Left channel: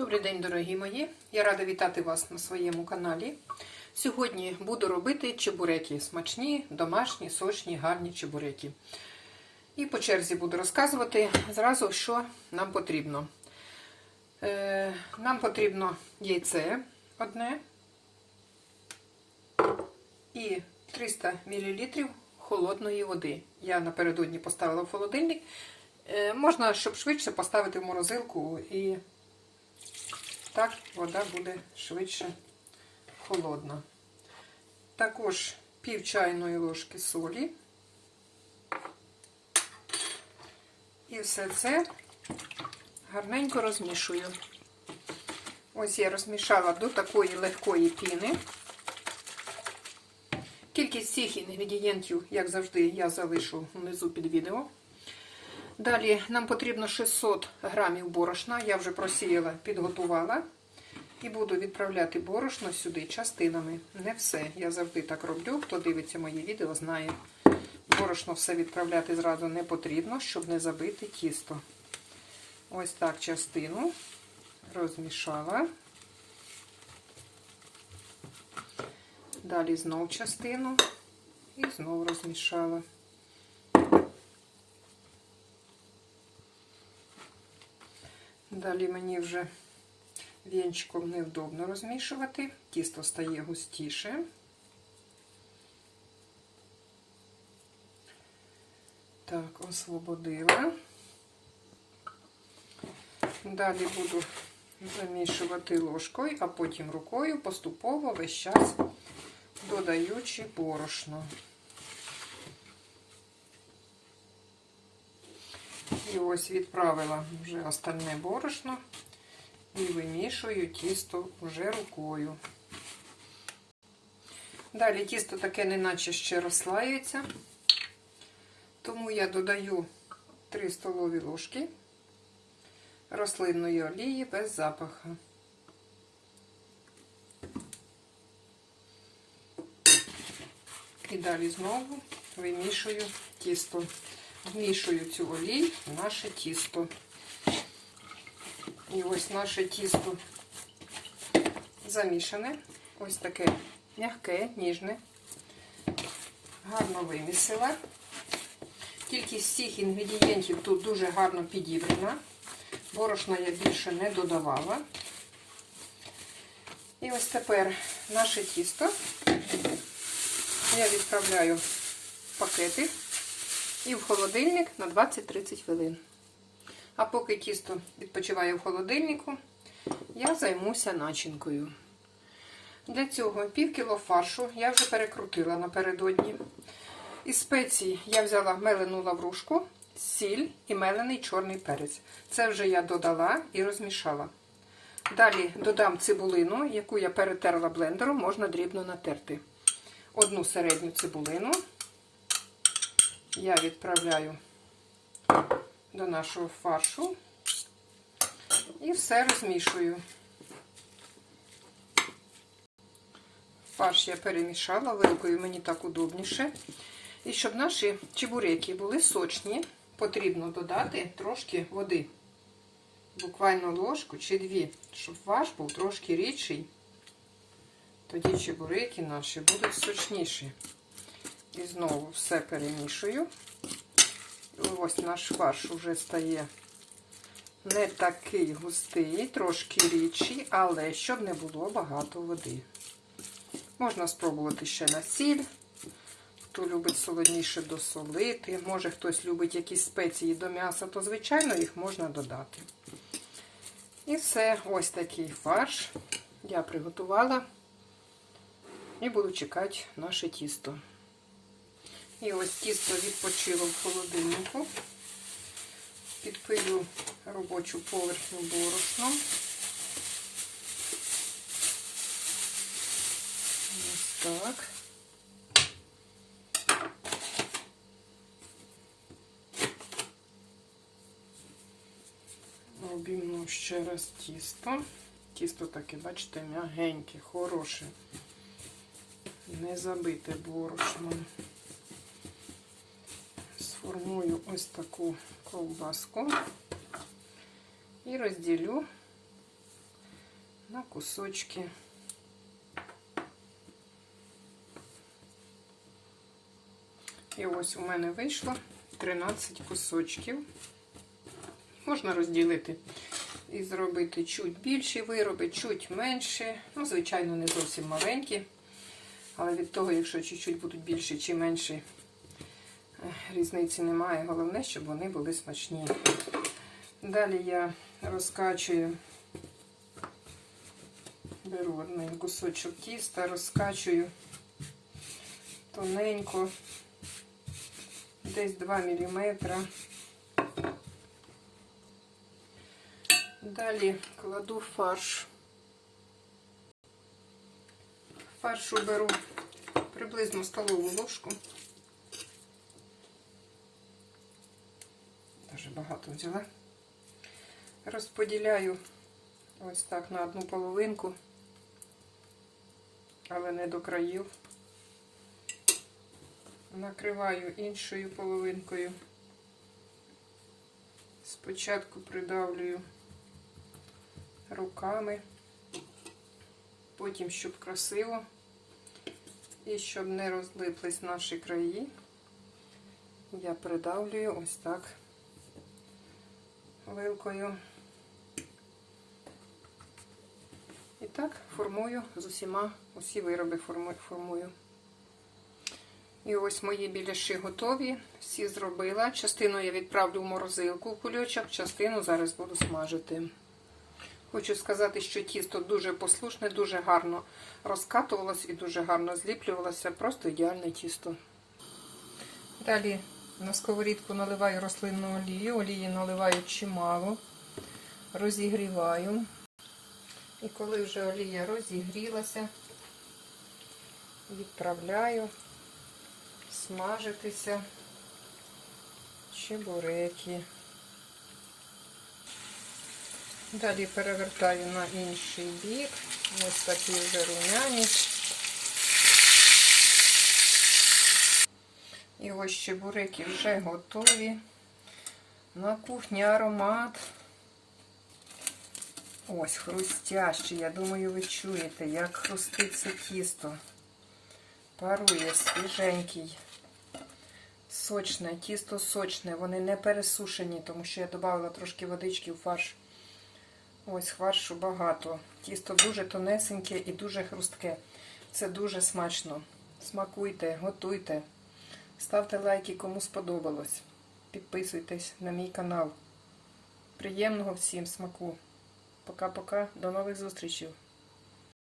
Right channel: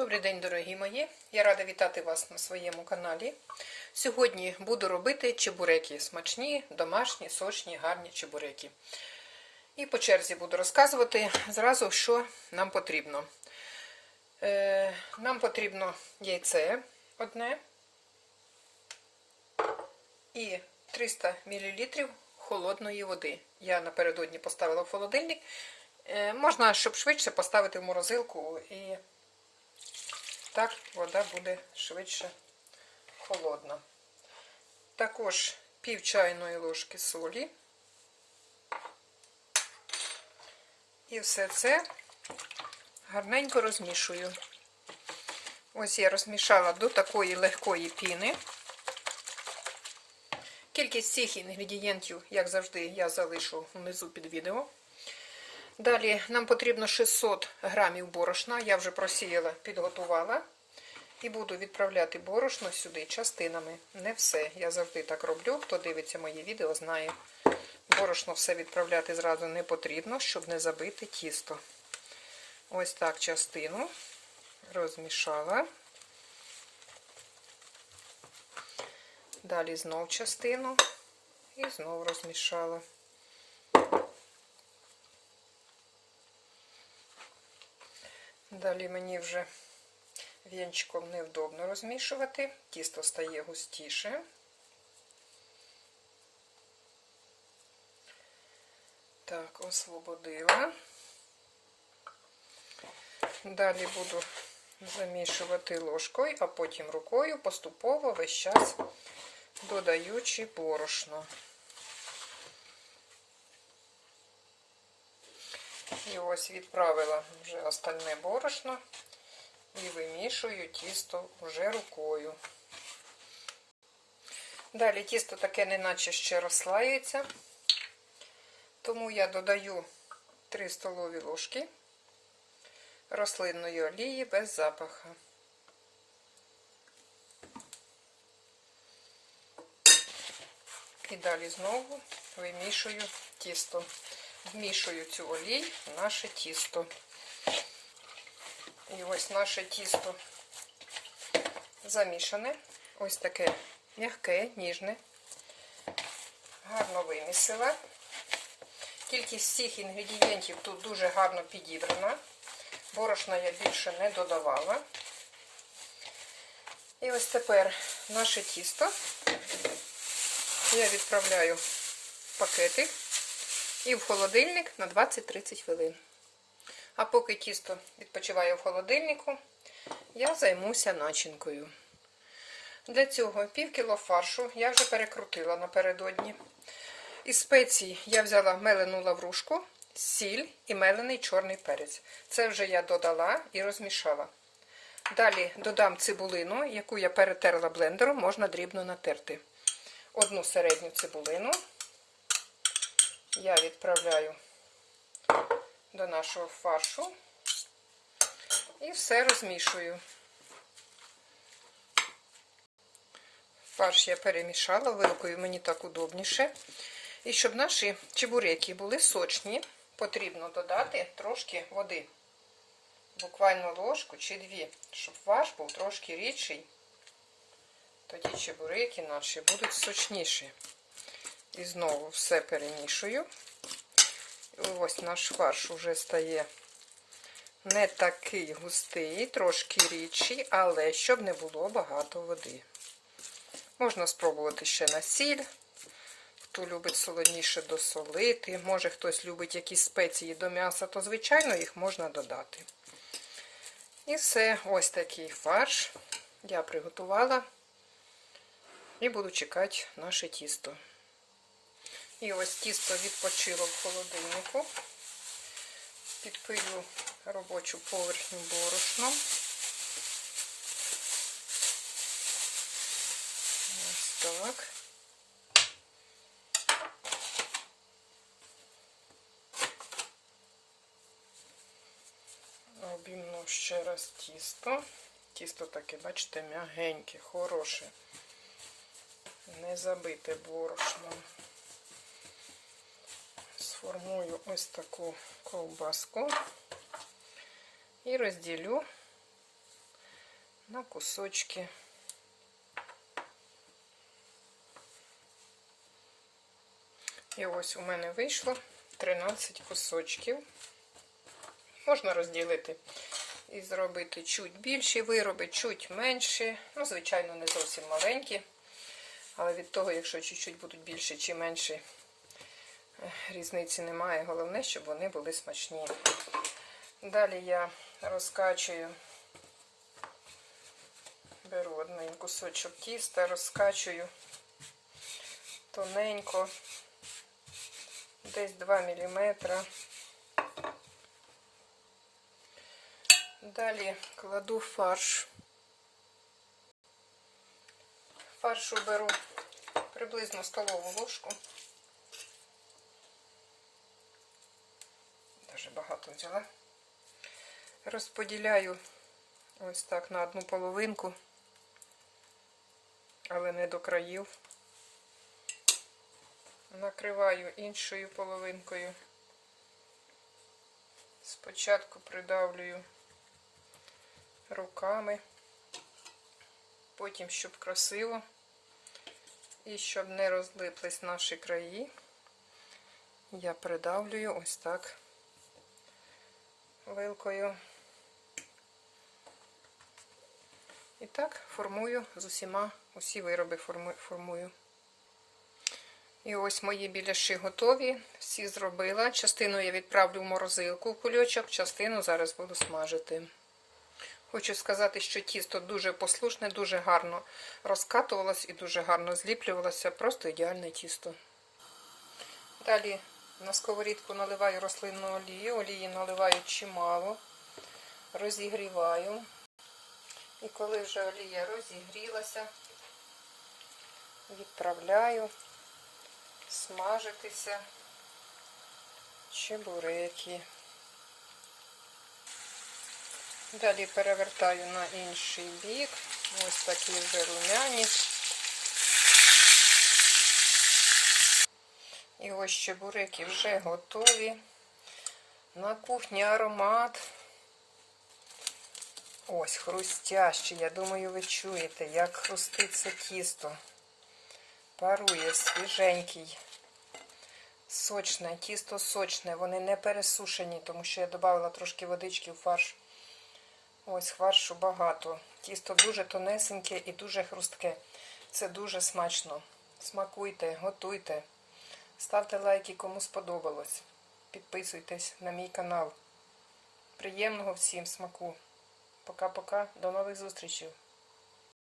Добрий день, дорогі мої! Я рада вітати вас на своєму каналі. Сьогодні буду робити чебуреки. Смачні, домашні, сочні, гарні чебуреки. І по черзі буду розказувати зразу, що нам потрібно. Е, нам потрібно яйце одне і 300 мл холодної води. Я напередодні поставила в холодильник. Е, можна, щоб швидше поставити в морозилку і так вода буде швидше холодна. Також пів чайної ложки солі. І все це гарненько розмішую. Ось я розмішала до такої легкої піни. Кількість всіх інгредієнтів, як завжди, я залишу внизу під відео. Далі нам потрібно 600 грамів борошна. Я вже просіяла, підготувала. І буду відправляти борошно сюди частинами. Не все. Я завжди так роблю. Хто дивиться мої відео, знає. Борошно все відправляти зразу не потрібно, щоб не забити тісто. Ось так частину розмішала. Далі знов частину і знов розмішала. Далі мені вже вінчиком невдобно розмішувати, тісто стає густіше. Так, освободила. Далі буду замішувати ложкою, а потім рукою поступово весь час додаючи борошно. І ось відправила вже остальне борошно і вимішую тісто вже рукою. Далі тісто таке неначе ще розслається, тому я додаю 3 столові ложки рослинної олії без запаху. І далі знову вимішую тісто. Вмішую цю олій в наше тісто. І ось наше тісто замішане. Ось таке м'яке, ніжне. Гарно вимісила. Кількість всіх інгредієнтів тут дуже гарно підібрана. Борошна я більше не додавала. І ось тепер наше тісто я відправляю в пакети і в холодильник на 20-30 хвилин. А поки тісто відпочиває в холодильнику, я займуся начинкою. Для цього пів кіло фаршу я вже перекрутила напередодні. Із спецій я взяла мелену лаврушку, сіль і мелений чорний перець. Це вже я додала і розмішала. Далі додам цибулину, яку я перетерла блендером, можна дрібно натерти. Одну середню цибулину я відправляю до нашого фаршу і все розмішую. Фарш я перемішала, вилкою мені так удобніше. І щоб наші чебуреки були сочні, потрібно додати трошки води. Буквально ложку чи дві, щоб фарш був трошки рідший. Тоді чебуреки наші будуть сочніші. І знову все перемішую. Ось наш фарш вже стає не такий густий, трошки рідший, але щоб не було багато води. Можна спробувати ще на сіль. Хто любить солодніше досолити. Може хтось любить якісь спеції до м'яса, то, звичайно, їх можна додати. І все, ось такий фарш я приготувала. І буду чекати наше тісто. І ось тісто відпочило в холодильнику. Підпилю робочу поверхню борошну. Ось так. Обійму ще раз тісто. Тісто таке, бачите, м'ягеньке, хороше, не забите борошном. Сформую ось таку ковбаску і розділю на кусочки. І ось у мене вийшло 13 кусочків. Можна розділити і зробити чуть більші вироби, чуть менші. Ну, звичайно, не зовсім маленькі. Але від того, якщо чуть-чуть будуть більші чи менші, різниці немає. Головне, щоб вони були смачні. Далі я розкачую, беру один кусочок тіста, розкачую тоненько, десь 2 мм. Далі кладу фарш. Фаршу беру приблизно столову ложку. Дуже багато взяла. Розподіляю ось так на одну половинку, але не до країв. Накриваю іншою половинкою. Спочатку придавлюю руками, потім, щоб красиво, і щоб не розлиплись наші краї, я придавлюю ось так вилкою. І так формую з усіма, усі вироби формую. І ось мої біляші готові, всі зробила. Частину я відправлю в морозилку в кульочок, частину зараз буду смажити. Хочу сказати, що тісто дуже послушне, дуже гарно розкатувалось і дуже гарно зліплювалося. Просто ідеальне тісто. Далі на сковорідку наливаю рослинну олію, олії наливаю чимало, розігріваю. І коли вже олія розігрілася, відправляю смажитися чебуреки. Далі перевертаю на інший бік. Ось такі вже румяні. І ось чебуреки вже готові. На кухні аромат. Ось хрустящий. Я думаю, ви чуєте, як хрустить це тісто. Парує свіженький. Сочне, тісто сочне, вони не пересушені, тому що я додала трошки водички в фарш. Ось фаршу багато. Тісто дуже тонесеньке і дуже хрустке. Це дуже смачно. Смакуйте, готуйте. Ставте лайки, кому сподобалось. Підписуйтесь на мій канал. Приємного всім смаку. Пока-пока. До нових зустрічей.